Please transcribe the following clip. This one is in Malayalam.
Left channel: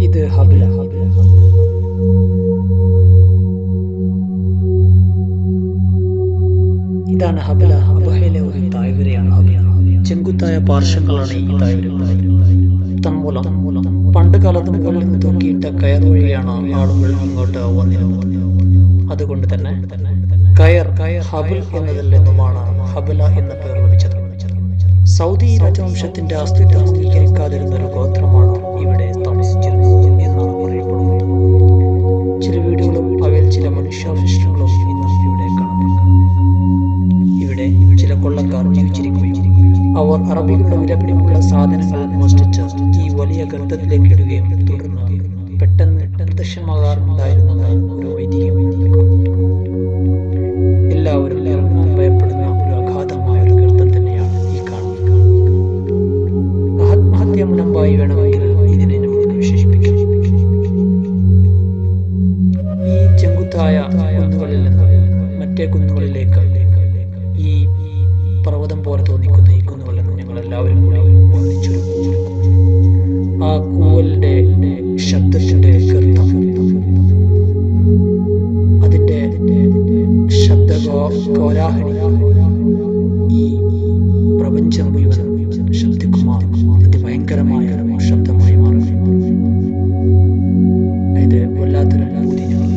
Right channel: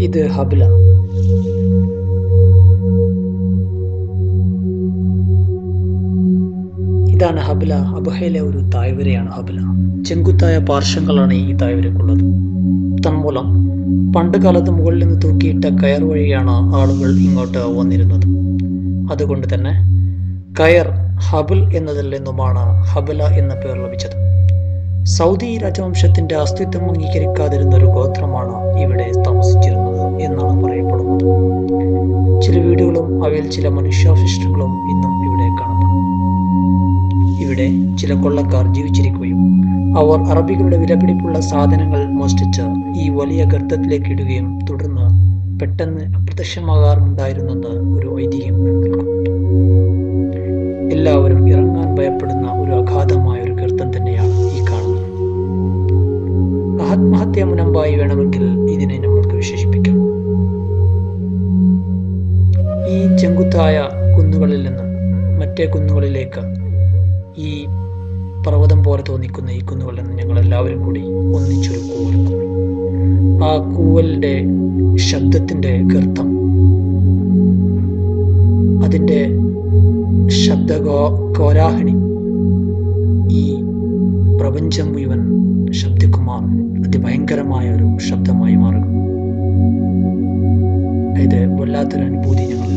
ഇത് ഹബില ഇതാണ് ഹബില അബഹയിലെ ഒരു തായ്വരയാണ് ഹബില ചെങ്കുത്തായ പാർശ്വങ്ങളാണ് ഈ തായ്വരക്കുള്ളത് തന്മൂലം. പണ്ട് കാലത്ത് മുകളിൽ നിന്ന് തൂക്കിയിട്ട കയർ വഴിയാണ് ആളുകൾ ഇങ്ങോട്ട് വന്നിരുന്നത്. അതുകൊണ്ട് തന്നെ കയർ ഹബിൽ എന്നതിൽ നിന്നുമാണ് ഹബില എന്ന പേർ ലഭിച്ചത്. സൗദി രാജവംശത്തിന്റെ അസ്തിത്വം അംഗീകരിക്കാതിരുന്ന ഒരു ഗോത്രമാണ് ഇവിടെ താമസിച്ചിരുന്നത് എന്നാണ് പറയപ്പെടുന്നത്. ചില വീടുകളും അവയിൽ ചില മനുഷ്യാവശിഷ്ടങ്ങളും ഇന്നും ഇവിടെ കാണപ്പെടുന്നു. ഇവിടെ ചില കൊള്ളക്കാർ ജീവിച്ചിരിക്കുകയും അവർ അറബികളുടെ വിലപിടിപ്പുള്ള സാധനങ്ങൾ മോഷ്ടിച്ച് ഈ വലിയ ഗർത്തത്തിലേക്ക് ഇടുകയും തുടർന്ന് പെട്ടെന്ന് അപ്രത്യക്ഷമാകാറുണ്ടായിരുന്നെന്ന് ഒരു ഐതിഹ്യം. എല്ലാവരും ഇറങ്ങാൻ ആത്മഹത്യ മുനമ്പായി വേണമെങ്കിൽ ഇതിനെ നമ്മൾക്ക് വിശേഷിപ്പിക്കാം. ഈ ചെങ്കുത്തായ കുന്നുകളിൽ നിന്ന് മറ്റേ കുന്നുകളിലേക്ക് ഈ പർവതം പോലെ തോന്നിക്കുന്ന ഈ കുന്നുകളിൽ നിന്ന് ഞങ്ങൾ എല്ലാവരും കൂടി ഒന്നിച്ചൊരു കൂവൽ. കൂവി ആ കൂവലിന്റെ ശബ്ദത്തിന്റെ ഗർത്തം. അതിന്റെ ശബ്ദ കോരാഹിണി ഈ പ്രപഞ്ചം മുഴുവൻ ശബ്ദിക്കുമാർ അതിഭയങ്കരമായ ഒരു ശബ്ദമായി മാറുന്നു. ഇത് വല്ലാത്തൊരു അനുഭൂതി ഞങ്ങൾ